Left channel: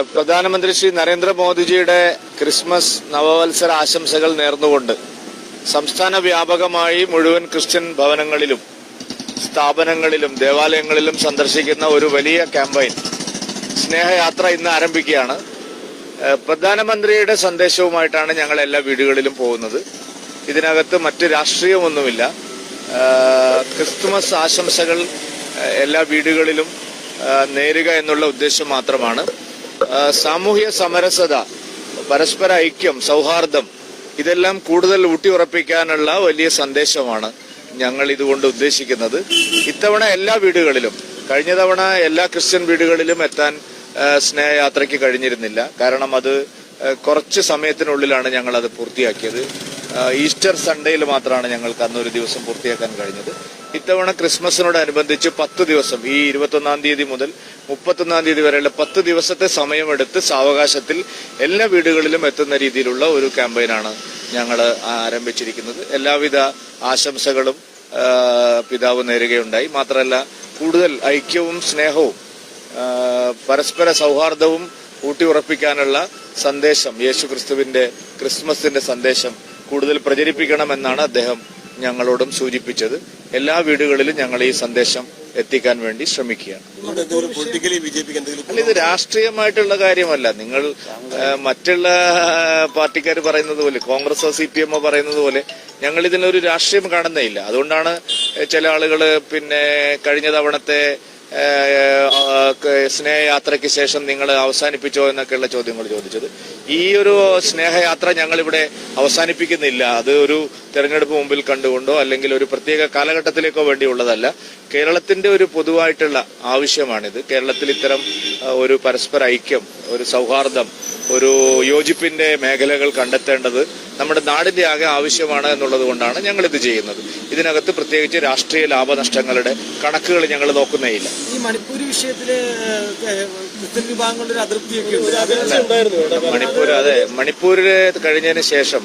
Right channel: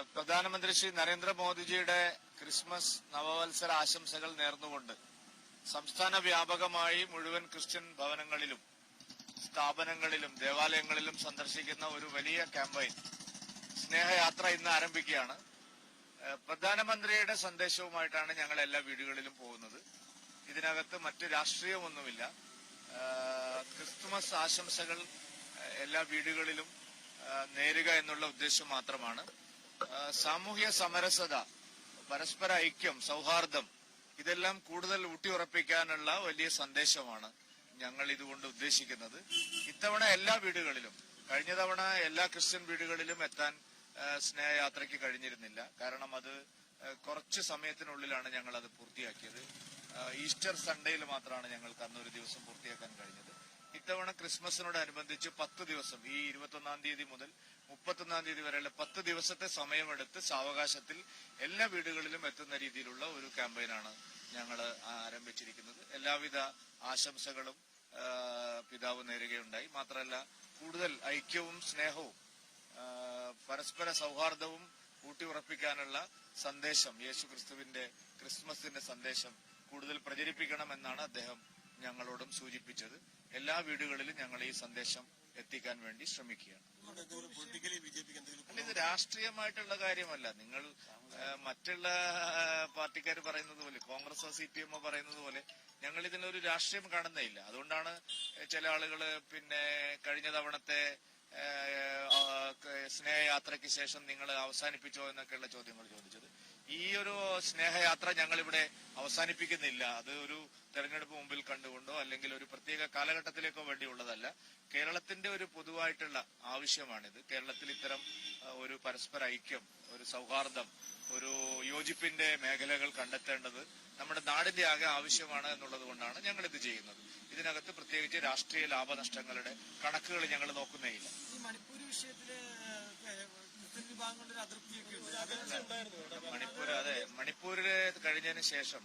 പ്രധാനമന്ത്രി ശ്രീ നരേന്ദ്രമോദിജിയുടെ ക്രിസ്മസ് നവവത്സര ആശംസകൾ നേർന്നുകൊണ്ട് സംസ്ഥാന വ്യാപകമായി മുഴുവൻ ക്രിസ്ത്യൻ ഭവനങ്ങളിലും സ്ഥാപനങ്ങളിലും ദേവാലയങ്ങളിലും സന്ദർശിക്കുന്ന ഒരു വലിയ ക്യാമ്പയിൻ സ്നേഹയാത്ര ഇന്ന് ആരംഭിക്കുകയാണ്. പ്രധാനമന്ത്രിയുടെ സന്ദേശവുമായിട്ടാണ് ഞങ്ങൾ എല്ലാ വീടുകളിലും പോകുന്നത്. ഇതിനകത്ത് മറ്റ് രാഷ്ട്രീയമൊന്നുമില്ല. ക്രിസ്തുമസ് ആശംസകൾ എല്ലാ വീടുകളിലും നേരുക എന്നുള്ള ഉദ്ദേശം മാത്രമാണ്. സാമൂഹ്യ സമരസത പരസ്പര ഐക്യം സൗഹാർദ്ദം ഇതെല്ലാം കൂടുതൽ ഊട്ടിയുറപ്പിക്കാനുള്ള വലിയ സന്ദേശമാണ് ഞങ്ങൾ ഇതുകൊണ്ട് ഉദ്ദേശിക്കുന്നത്. ഇത്തവണ എല്ലാ വീടുകളിലും കഴിഞ്ഞ തവണ എല്ലാ ക്രിസ്ത്യൻ വീടുകളിലും എത്താൻ സ്നേഹയാത്രയ്ക്ക് കഴിഞ്ഞിരുന്നില്ല. കാരണം അത് കുറച്ച് സമയത്തിനുള്ളിലാണ് ഞങ്ങൾ അത് പൂർത്തിയാക്കിയത്. ഈസ്റ്റർ സൺഡേയിൽ മാത്രമാണ് ഞങ്ങൾക്ക് അന്നൊരു ദിവസം പൂർത്തിയാക്കാൻ കഴിഞ്ഞത്. ഇത്തവണ ക്രിസ്മസിനോടനുബന്ധിച്ച് പത്ത് ദിവസം ഈ ഇരുപത്തൊന്നാം തീയതി മുതൽ മുപ്പത്തൊന്നാം തീയതി വരെയുള്ള പത്ത് ദിവസത്തെ സമയമെടുത്ത് സാവകാശത്തിൽ എല്ലാ വീടുകളിലും എത്തുന്ന രീതിയിലുള്ള ഒരു ക്യാമ്പയിനാണ് ഞങ്ങൾ ആരംഭിച്ചിരിക്കുന്നത്. എല്ലാവിധ ആശംസകളും പിതാവ് നേരുകയുണ്ടായി. മാത്രമല്ല കൂടുതൽ ഐക്യവും സ്നേഹവും പരസ്പര സൗഹാർദ്ദവും ഊട്ടിയുറപ്പിക്കാനുള്ള സന്ദേശം യേശു ക്രിസ്തുവിന്റെ ക്രിസ്മസിന്റെ സന്ദേശം കൂടുതൽ പ്രചരിപ്പിക്കണമെന്നാണ് അദ്ദേഹം ഞങ്ങളോടും സൂചിപ്പിച്ചത്. എല്ലാ വീടുകളിലും ഞങ്ങൾ ഈ സന്ദേശം എത്തിക്കാൻ വേണ്ടി ശ്രമിക്കുകയാണ്. അല്ല ഇത് രാഷ്ട്രീയമായിട്ടുള്ള കാര്യമല്ല. നിങ്ങൾ മറ്റുള്ള പാർട്ടിക്കാർ പറയുന്നത് പോലെ കോൺഗ്രസോ സി പി എമ്മോ പറയുന്നത് പോലെ ഞങ്ങൾ ഇതിനൊരു രാഷ്ട്രീയം കാണുന്നേ ഇല്ല. അതുകൊണ്ടാണ് ചില ആളുകൾ പിന്നെ കഴിഞ്ഞ തവണത്തെ സ്നേഹയാത്രയ്ക്ക് ശേഷം നിങ്ങൾ അവസാനിപ്പിച്ചോ എന്നൊക്കെയുള്ള ചോദ്യങ്ങൾ ചോദിച്ചത്. ഈ ഒരു സ്നേഹയാത്ര ഞങ്ങളിവിടെ അവസാനിപ്പിക്കുന്നില്ല. അത് ഒരു തെരഞ്ഞെടുപ്പ് മുമ്പിൽ കണ്ടുകൊണ്ടോ അല്ലെങ്കിൽ ഒരു പ്രത്യേക കാലഘട്ടത്തിലേക്കോ വേണ്ടിയുള്ളതല്ല. കേരളത്തിന്റെ ഒരു പൊതുവായിട്ടുള്ള ആവശ്യമാണിത്. കേരളത്തിൽ ഇത്തരം ഒരു പരസ്പര ഐക്യം ഒരു സൗഹാർദ്ദം ഒരു യോജിപ്പിന്റെ മേഖലകൾ കണ്ടെത്തേണ്ടത് നമ്മുടെ നാടിന്റെ ആകെ ആവശ്യമാണ് എന്നുള്ളത് കൊണ്ടാണ് ഞങ്ങൾ ഇത് ചെയ്യുന്നത്. ഇതിനകത്ത് പ്രത്യേകിച്ച് രാഷ്ട്രീയ ലാഭനഷ്ടങ്ങളുടെ കണക്കുകൾ ഞങ്ങൾ നോക്കുന്നേയില്ല ഈ മണിപ്പൂർ വിഷയത്തിൽ ക്രിസ്ത്യൻ വിഭാഗങ്ങളുടെ ഒരു അതൃപ്തിയൊക്കെ മണിപ്പൂർ അതെ. മണിപ്പൂരിൽ കഴിഞ്ഞതിന് ശേഷം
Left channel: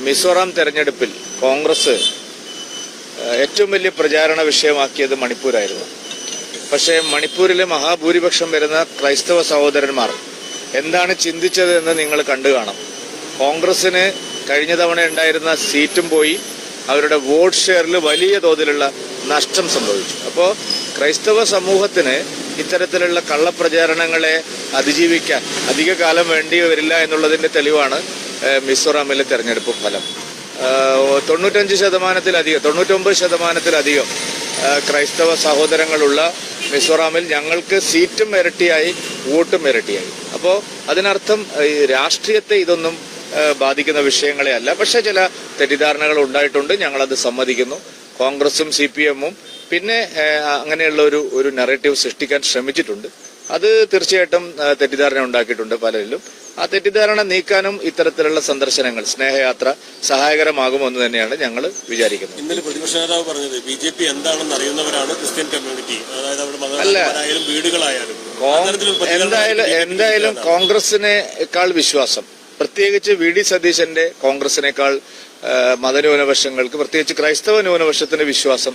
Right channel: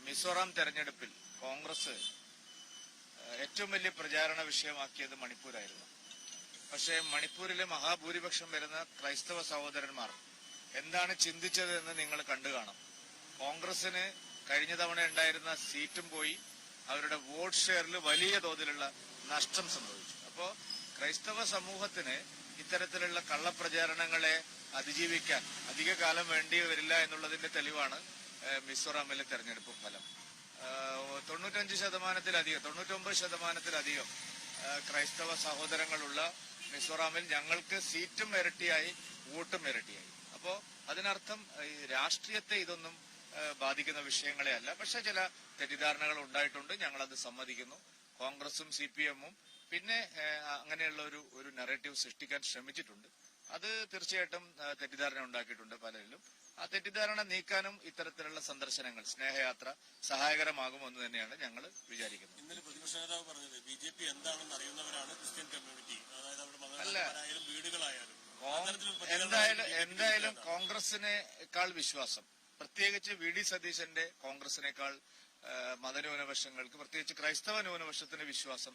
മിസോറാം തെരഞ്ഞെടുപ്പിൽ കോൺഗ്രസ് ഏറ്റവും വലിയ പ്രചാരണ വിഷയമാക്കിയത് മണിപ്പൂരായിരുന്നു. പക്ഷേ മണിപ്പൂരിലെ മഹാഭൂരിപക്ഷം വരുന്ന ക്രൈസ്തവ സഹോദരന്മാർ എന്താണ് ചിന്തിച്ചത് എന്ന് നിങ്ങൾ കണ്ടു കാണാം. കോൺഗ്രസിന് കഴിഞ്ഞ തവണ ഉണ്ടായിരുന്ന സീറ്റും പോയി അവരുടെ വോട്ട് ഷെയറിൽ വലിയ തോതിലുള്ള നഷ്ടം സംഭവിച്ചു. അപ്പോൾ ക്രൈസ്തവ സമൂഹത്തിന് ഇത്തരത്തിലുള്ള കള്ളപ്രചാരണങ്ങളെ അതിജീവിക്കാൻ അധിക കാലം വേണ്ടി വരില്ല എന്നുള്ളതിന്റെ തെളിവാണ് മിസോറാമിലെ തെരഞ്ഞെടുപ്പ് ഫലം. തൊണ്ണൂറ്റഞ്ച് ശതമാനത്തിലധികം തൊണ്ണൂറ്റൊമ്പത് ശതമാനത്തിലധികം ക്രൈസ്തവ സഹോദരങ്ങളുള്ള മിസോറാമിൽ ഞങ്ങൾക്ക് സീറ്റും ഇരട്ടിയായി വോട്ടും ഇരട്ടിയായി. അപ്പോൾ അതിനർത്ഥം രാഷ്ട്രീയത്തെ ഇതൊന്നും ബാധിക്കുന്ന വിഷയങ്ങളെ അല്ല. പക്ഷെ ചില തെറ്റിദ്ധാരണകൾ ഉണ്ടായിട്ടുണ്ട് ഞങ്ങളത് സമ്മതിക്കുന്നു. കോൺഗ്രസും സി പി എമ്മും പിന്നെ അങ്ങനെയുള്ള ഒരു ഒരു നെറേറ്റീവ് സൃഷ്ടിക്കാൻ ശ്രമിച്ചിട്ടുണ്ട്. അത് തീർച്ചയായിട്ടും തെറ്റിദ്ധാരണ ഉണ്ടാക്കിയിട്ടുണ്ട് പലരിലും. ആ തെറ്റിദ്ധാരണ നീക്കാനും ഇത്തരത്തിലുള്ള സന്ദർശനങ്ങൾ സ്നേഹയാത്ര സഹായകരമാകുമെന്ന് തന്നെയാണ് ഞങ്ങൾ വിചാരിക്കുന്നത്. ഇന്നലെ പ്രതിപക്ഷ നേതാവ് പറഞ്ഞത് ബി ജെ പി എന്താണെന്ന് അറിയുന്നവരാണ് ക്രിസ്ത്യൻ കമ്മ്യൂണിറ്റി. അതായത് അവിടെ വീടുകളായാലും. എന്തായാലും എന്തായാലും. കോൺഗ്രസിനേക്കാൾ വിശ്വാസം. പ്രത്യേകിച്ച് വി ഡി സതീശന്റെ കോൺഗ്രസിനേക്കാൾ മതന്യൂനപക്ഷങ്ങൾക്ക് പ്രത്യേകിച്ച് ക്രൈസ്തവ ന്യൂനപക്ഷത്തിന്റെ വിശ്വാസം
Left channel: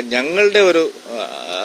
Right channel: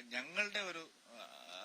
ഞങ്ങളുടെ ഒരു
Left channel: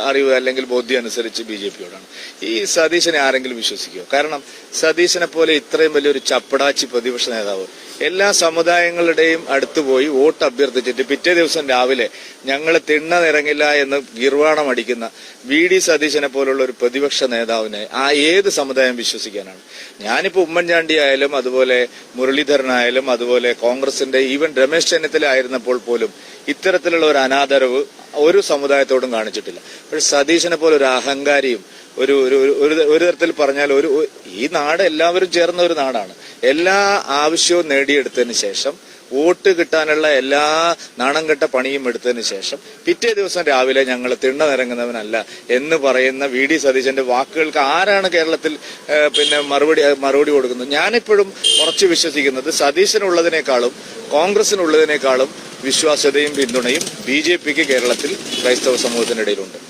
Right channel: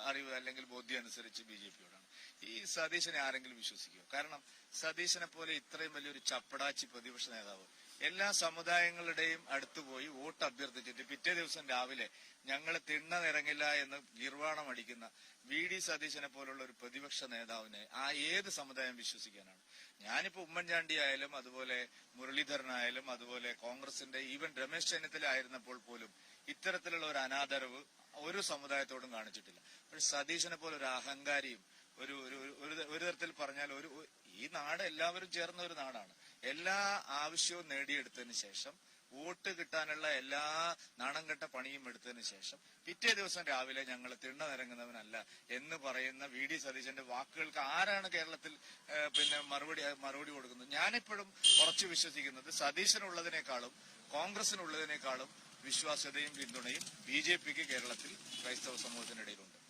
അറിവ് അല്ലെങ്കിൽ ബോധ്യം അനുസരിച്ച് ബി ജെ പിയോടാണ്. ഈ സതീശനെ ആരെങ്കിലും വിശ്വസിക്കുമോ കാരണം സതീശനെ പോലെ ഇത്രയും വലിയൊരു ചപ്പടാച്ചി പ്രതിപക്ഷ നേതാവ് എല്ലാ സമുദായങ്ങളുടെയും അടുത്ത് പോയി വോട്ട് അഭ്യർത്ഥിച്ചിട്ട് പിറ്റേ ദിവസം രാവിലെ ഞങ്ങളെ തിണ്ണ നിറങ്ങില്ല എന്ന് ഗിർവാണം അടിക്കുന്ന വി ഡി സതീശനെ പോലുള്ള ഒരു പ്രതിപക്ഷ നേതാവിനെ ആ ഏത് സമുദായം വിശ്വസിക്കാനാണ്? ഞാനിപ്പോ ഉമ്മൻചാണ്ടി ആയാലും അതുപോലെ മുരളീധരനായാലും അതുപോലെ കോൺഗ്രസിന്റെ ഈവൻ രമേശ് ചെന്നിത്തല ആയിരുന്നപ്പോൾ പോലും ഇത്തരത്തിലുള്ള ഒരു അനാദരവ് ഒരു സമുദായത്തോടും കാണിച്ചിട്ടില്ല. പക്ഷെ സതീശനെ പോലെ ഒരു അഹങ്കാരിയും ഒരു ഒരു ഒരു- തരത്തിൽ പറഞ്ഞാൽ ഒരു ഒരു- ഈ നാട് എല്ലാവരും ചേർന്ന ഒരു നാടാണ്. എല്ലാ ആവശ്യവും നേടിയെടുത്തതിന് ശേഷം വോട്ട് കിട്ടാനുള്ള എല്ലാ നാണം കെട്ട പണിയും എടുത്തതിന് ശേഷം പിറ്റേ ദിവസം രാവിലെ ഞങ്ങൾ തിണ്ണ നിരങ്ങുന്നവനല്ല എന്ന് പറയുന്ന വി ഡി സതീശന്റെ വാക്കുകൾക്ക് ആരാണ് കേരളത്തിൽ പിന്നെ മറുപടി മറുപടി കൊടുക്കുന്നത്? ഞാനിപ്പോഴും ഉറച്ചു വിശ്വസിക്കുന്നത് സതീശനുള്ളതിനേക്കാളും കോൺഗ്രസിനുള്ളതിനേക്കാളും വിശ്വാസ്യതയും പിന്തുണയും ബി ജെ പിക്ക് കേരളത്തിൽ ക്രൈസ്തവ സമൂഹത്തിനിടയിലുണ്ട്.